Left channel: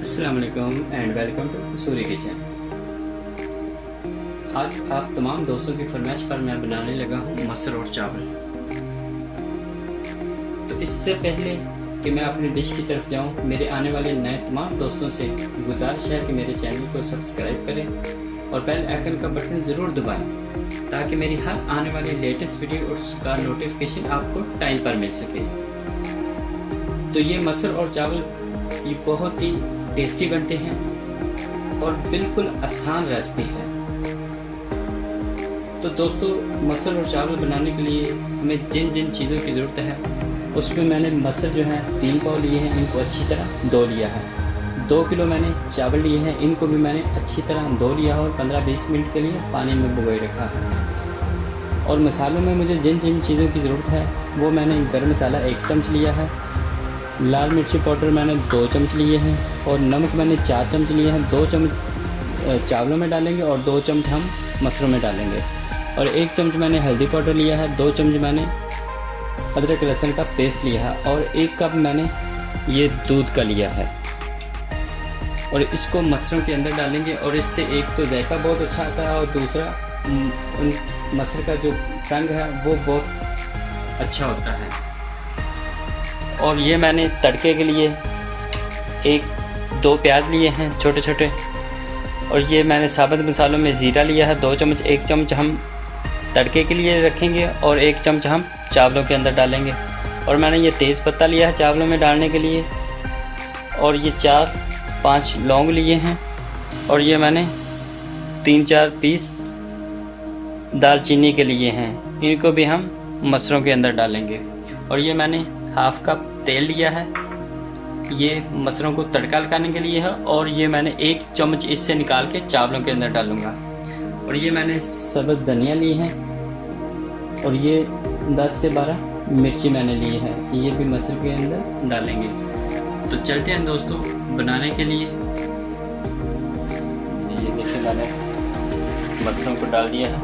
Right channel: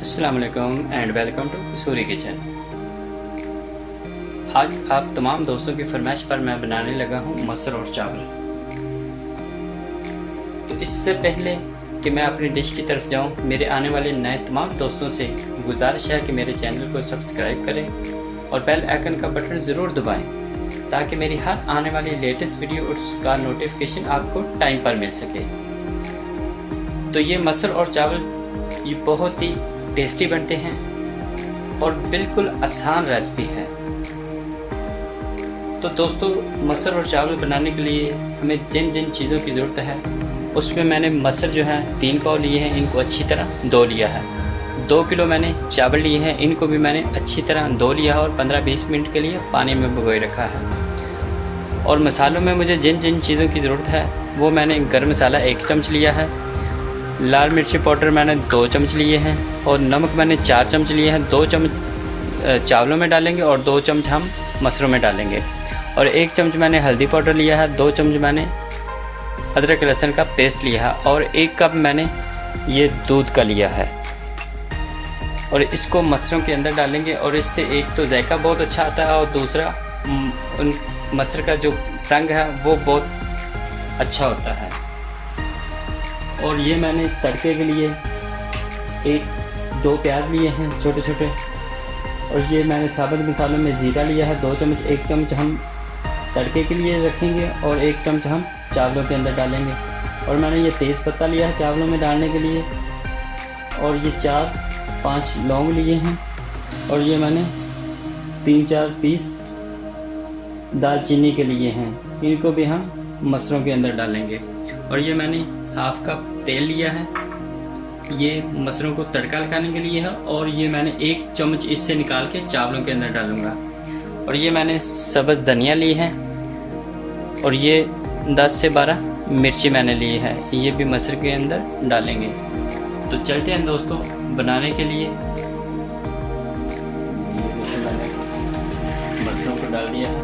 अस्सलाम वालेकुम and welcome to Suri kitchen. आज आप तमाम दोस्तों की फरमाइश पर मैं बनाने लगा हूँ मसर और चावल। तो इससे पहले कि मैं अपनी डिश की तरफ जाऊँ, मेरे आने वाले नए तमाम दोस्तों से गुजारिश है कि मेरे चैनल को सब्सक्राइब करें और बेल आइकन का बटन ज़रूर दबाएं ताकि मेरी हर आने वाली लेटेस्ट वीडियो और उसका नोटिफिकेशन आपको टाइम पर मिल सके। तो ये मसर और चावल ये बहुत ही टेस्टी बनते हैं और बिल्कुल आसान रेसिपी है। तो दोस्तों, मसर और चावल बनाने के लिए हमें जिन जिन चीज़ों की ज़रूरत है उसमें मैंने मसर जो है 3 पाव लिए हैं, इनको अच्छी तरह धो लिया है। 2 किलो मैंने चावल लिए हैं, इनको भी मैंने अच्छी तरह धो लिया है और 15-20 मिनट के लिए पानी में भिगोए रखा है। और मसालों में मुझे जिन जिन चीज़ों की ज़रूरत है वो मैंने गर्म मसाला 1 चम्मच लिया है, लाल मिर्ची पाउडर मैंने 2 चम्मच लिए हैं और नमक मैंने 4 चम्मच लिए हैं। 2 चम्मच चावलों में डालेंगे और 2 चम्मच हम मसरों में डालेंगे। और 1 चम्मच मैंने हल्दी पाउडर लिया है, 2 चम्मच मैंने अदरक लहसुन का पेस्ट लिया है और 1 कप मैंने ये दूध का लिया है। और इसको मसरों के अंदर डालेंगे और इससे एक तो जायका बहुत अच्छा आता है और दूसरा उन मसर का जो रंग है वो बहुत अच्छा होता है। और ये मैंने तड़के के लिए 1-2 प्याज लिए हैं छोटे छोटे। और ये मैंने साबुत मसालों में ज़ीरा लिया है 2 चम्मच। 1 चम्मच हम तड़के के लिए रखेंगे और 1 चम्मच हम चावलों के अंदर डालेंगे। और मैंने ये तेज़ पत्ता लिया है चावलों में डालने के लिए और ये 4-5 लौंग लिए हैं और ये मैंने 3-4 पीस दालचीनी के लिए हैं, इनको भी हम मसरों के अंदर डालेंगे। और ये मैंने 1/2 कप तेल लिया है, ये मसरों को तड़का लगाने के लिए है। और ये मैंने 1 चम्मच इससे निकाल के चावलों के अंदर डालूंगा। और ये मैंने सब्ज़ धनिया ली है और ये 10 से 12 मिर्ची मैंने ली है, ये भी मसर के अंदर डालेंगे। तो चलते हैं दोस्तों बनाने के लिए। देखिए मैंने मसरों को डाल दिया है।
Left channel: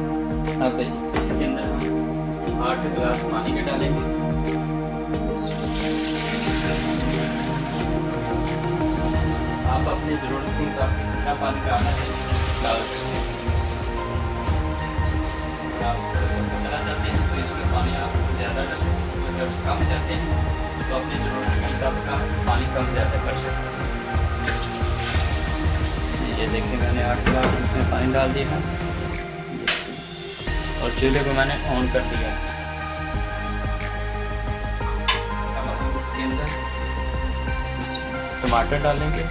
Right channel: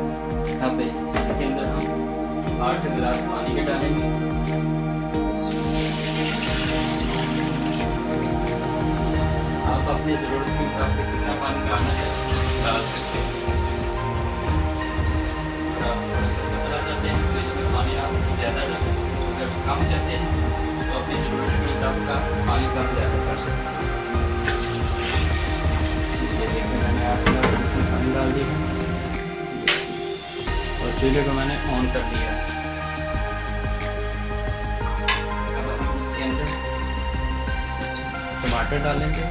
अब इसके अंदर हम 8 गिलास पानी के डालेंगे। अपनी ज़रूरत के मुताबिक जितना पानी डालना है डाल सकते हैं। अगर आप थोड़ा सा पतला चाहते हैं तो इसमें पानी आप ज़्यादा डालें, अगर कम चाहते हैं तो अपनी ज़रूरत के मुताबिक आप पानी कम ज़्यादा कर सकते हैं। ये देखिए मैंने 8 गिलास इसमें पानी डाल दिया है और चूल्हे को मैंने ऑन कर दिया। अब इसके अंदर टमाटर डालेंगे,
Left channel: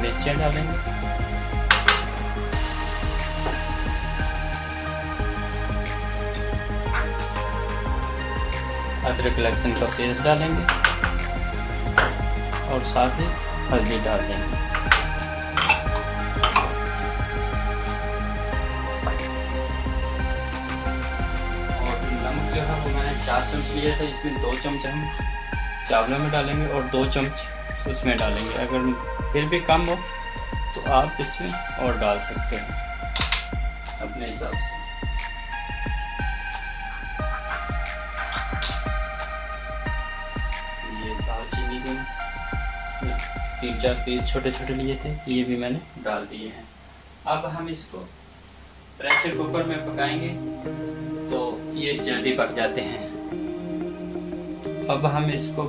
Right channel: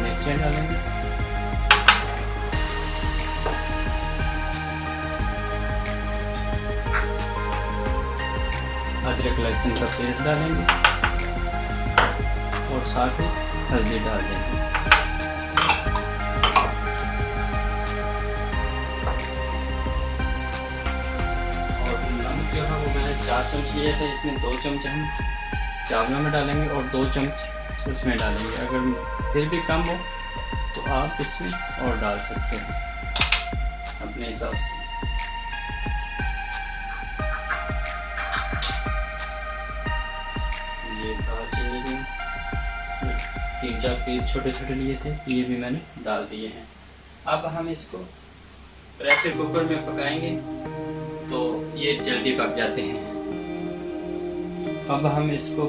मिर्चें डालेंगे, अदरक लहसुन का पेस्ट डालेंगे और साथ में हल्दी डाल देंगे। और नमक जो है वो मैंने 4 चम्मच लिए थे, इसमें 2 चम्मच हम चावलों में डालेंगे और 2 चम्मच उसमें डालेंगे। अगर फिर भी कम हो तो आप इसमें और डाल सकते हैं अपने हिसाब से। ये दालचीनी के 3-4 पीस छोटे छोटे लिए थे, ये भी मैंने डाल दिए हैं। अब हम इसको प्रेशर कुकर में पकाएंगे तो ये जल्दी पक जाते हैं। अब हम इसको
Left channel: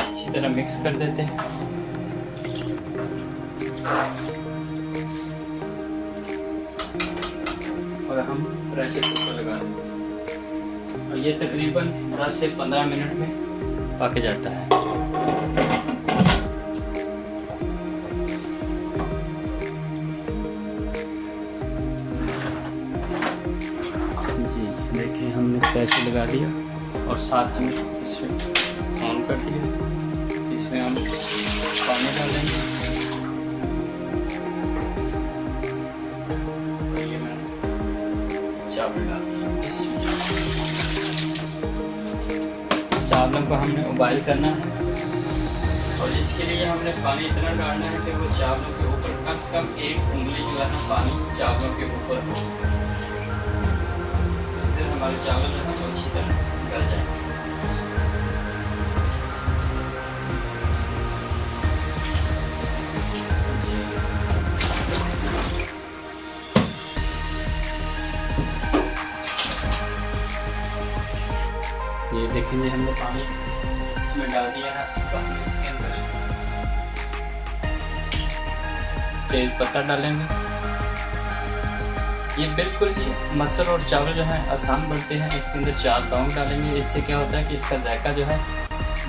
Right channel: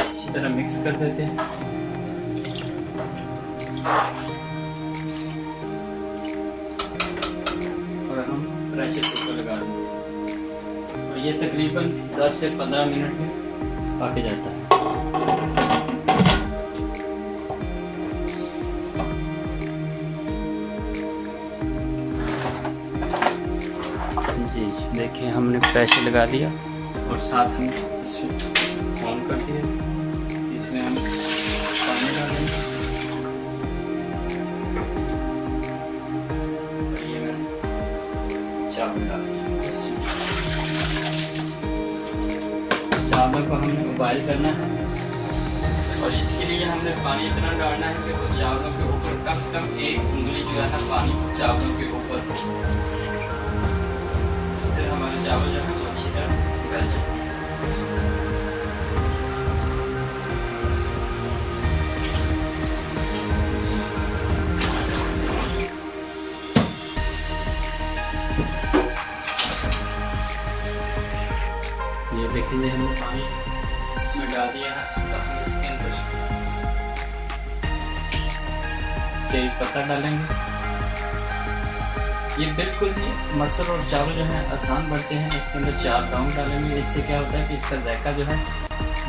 अच्छी तरह मिक्स कर देते हैं और हम प्रेशर कुकर लगा देंगे और ये तकरीबन 10 से 15 मिनट में पक जाता है। जी देखिए हमने प्रेशर लगा दिया और साथ हम इसमें ऑन कर दिया। इसमें हम पानी डालेंगे और ये मैंने चावल डाल दिया। इसमें चावल को हमें उबाल करना है और इसके लिए हमने पानी इतना डालना है कि वो चावलों के ऊपर कम से कम 1 उंगली जो है ना पानी चावलों के ऊपर हमारे चावल जो है वो अच्छी तरह गल जाए। ये देखिए हमने पानी इसमें डाल दिया है। तो हम इसके अंदर तेज पत्ता डालेंगे। ये बिल्कुल ही मसूर और चावल जो है आसान बनते हैं। इसके अंदर 4 लौंग डालेंगे। इससे क्या होता है कि इसका जायका जो है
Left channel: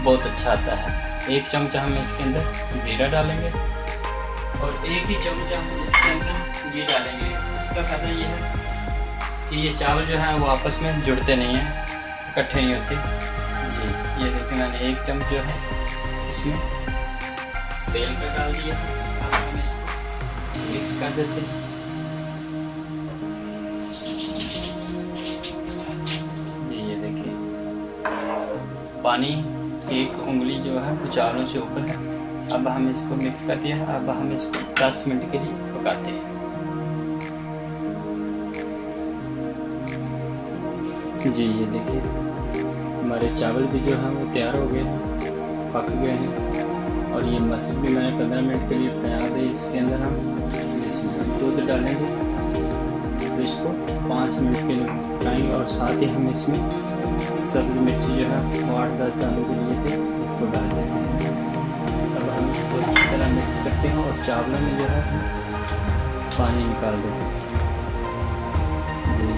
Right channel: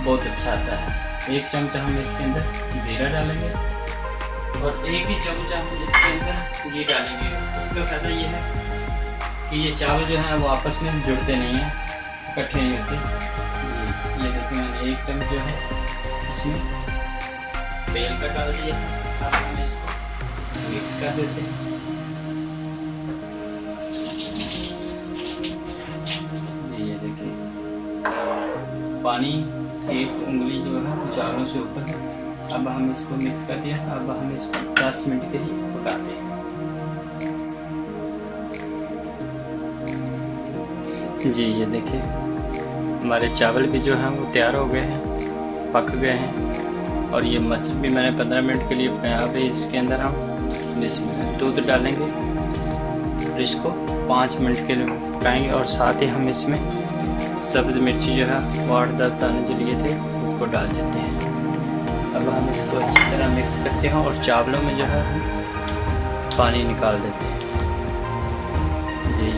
बहुत अच्छा आता है। 1 चमचा हम इसके अंदर जीरा डालेंगे और 1 ही चमचा हम इसके अंदर घी डालेंगे। इसका फायदा ये है कि ये चावल जो है वो आपस में जुड़ते नहीं हैं, इकट्ठे नहीं होते। ये देखिए मैंने 1 चम्मच जो है इसमें तेल का डाल दिया है। अब हम इसको मिक्स कर देते हैं। ये देखिए पानी 1 उंगली जो है वो चावलों से ऊपर है। अब हम इसको मिक्स कर दिया। अब हम इसको 10 मिनट के लिए पकाते हैं। जी ये देखिए हमारे चावल भी जो हैं वो तैयार हो गए हैं, पक गए हैं। और ये मसूर भी मैंने 15 मिनट के लिए पकाया। अभी इसके अंदर हम इसमें दूध डालेंगे और इसको 5 मिनट के लिए पकाएंगे। और साथ ही हम इसमें सब्ज़ मिर्ची जो है वो 8-10 दाने जो लिए थे उसको डाल देते हैं। अब हम इसको अच्छी तरह मिक्स करते हैं और चावलों में जो है हम पानी निकाल देते हैं।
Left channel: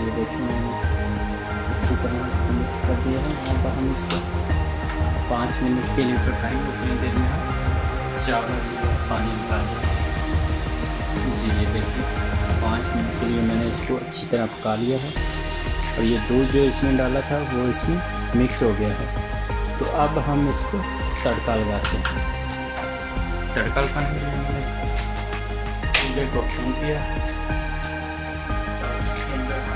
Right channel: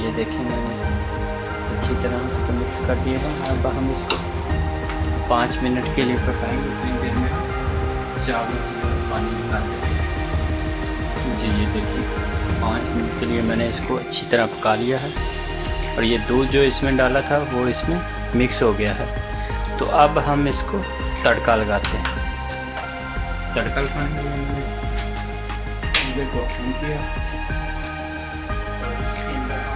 ये देखिए मैंने अच्छी तरह इसको मिक्स कर दिया है। अब हम इसको 5 मिनट के लिए पकाएंगे। उतनी देर में हम चावलों से पानी निकाल देते हैं। जी ये देखिए 5 मिनट के लिए मैंने इसको अच्छी तरह पका लिया है और ये दूध जो इसमें डाला था वो इसमें मिक्स हो गया है। तो अब हम इसको तड़का लगाते हैं। तड़का लगाने के लिए मैंने चूल्हे को ऑन किया और इसके अंदर हम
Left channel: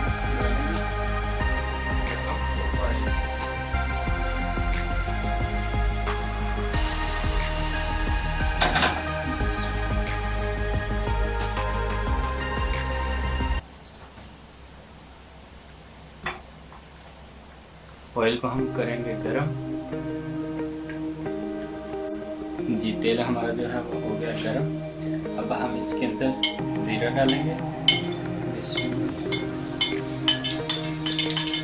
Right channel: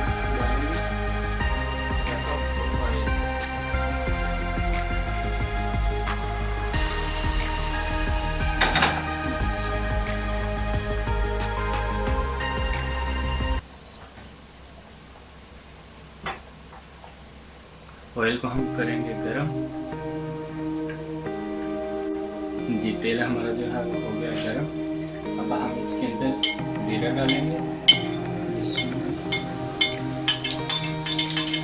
ऑयल को हम करेंगे गरम। जी तेल हमारा जो है वो हो गया गरम। अब हम इसके अंदर जीरा डालेंगे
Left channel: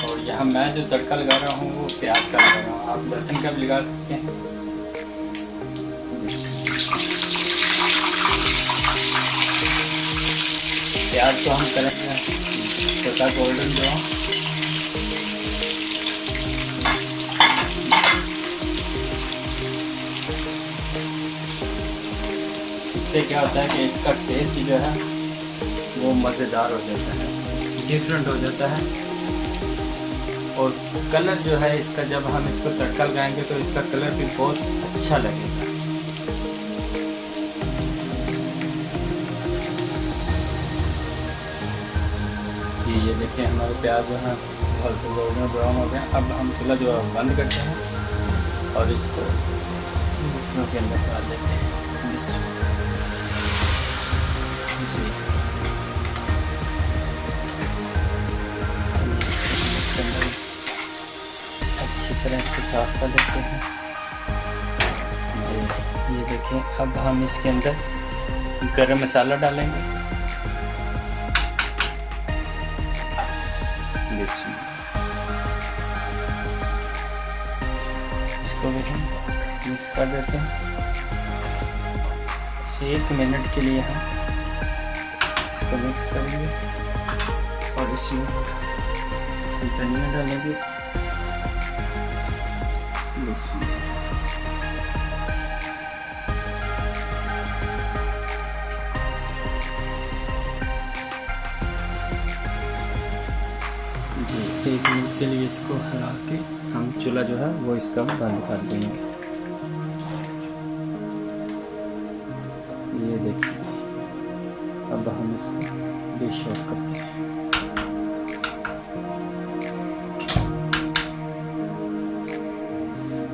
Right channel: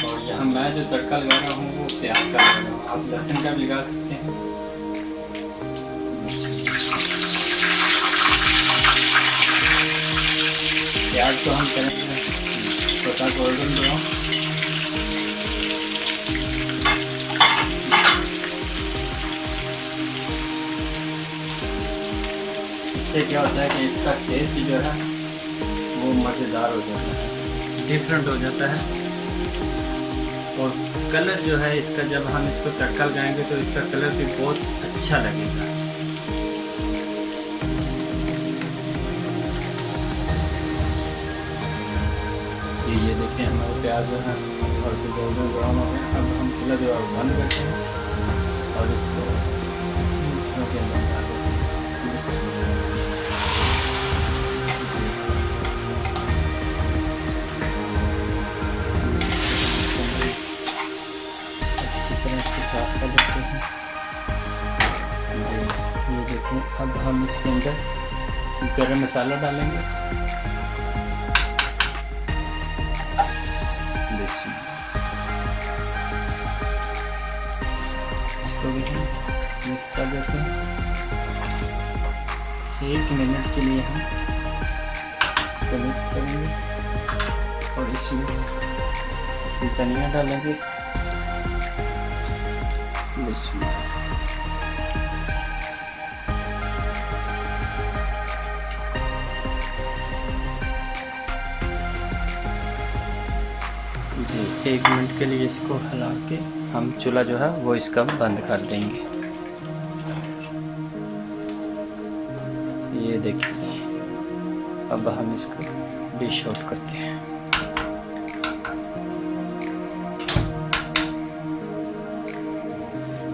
और यहाँ मैं जो तड़का लगा रहा हूँ वो प्याज का लगा रहा हूँ। आप लहसुन का भी लगा सकते हैं। प्याज को हम करेंगे छोटा गोल्डन ब्राउन। इससे क्या होता है कि इसका टेस्ट जो है वो मज़ेदार हो जाता है, डिफरेंट हो जाता है। और कलर जो है इसका जब हम इसको तड़का लगाएंगे तो इसका कलर भी बहुत अच्छा लगेगा। ये देखिए हमारे प्याज जो है गोल्डन ब्राउन हो गया। अब हम चूल्हा जो है बंद करते हैं और इसको इसके अंदर डाल देते हैं। साफ कर देते हैं। ये देखें अब हम इसके अंदर गरम मसाला डालेंगे। इसको भी मिक्स कर देते हैं। 1 मिनट के लिए हम इसको मिक्स करेंगे और इसमें धनिया डालेंगे। जी 1 मिनट के लिए इसको हिला के हम चूल्हा जो है वो इसका बंद कर देंगे। ये देखिए अब हम इसको डिश आउट करते हैं।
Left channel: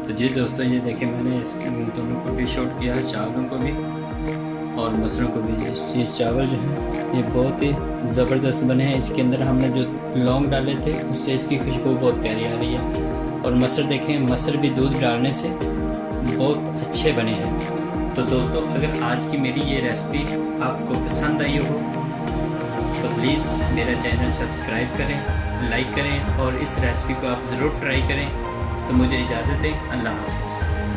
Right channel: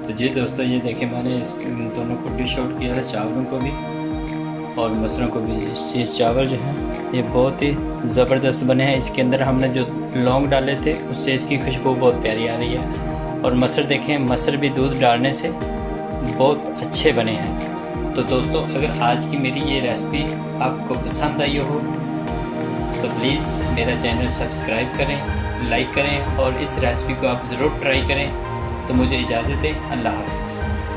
तो जी दोस्तों ये देखिए मैंने इस दोनों को डिश आउट किया है, चावलों को भी। और मसरों को भी। ये चावल जो है ये बहुत ही ज़बरदस्त बने हैं। इसके अंदर हमने जो लौंग डाले थे उससे इसकी खुशबू बहुत प्यारी आ रही है। और मसर देखें, मसर भी दूध डालने से बहुत अच्छे बने हैं। तो दोस्तों, अगर आज की मेरी ये रेसिपी आपको पसंद आई हो तो प्लीज़ मेरा चैनल सब्सक्राइब करें, लाइक करें और इस रेसिपी को आप ज़रूर ट्राई करें। तो मुझे इजाज़त दें। अल्लाह हाफ़िज़।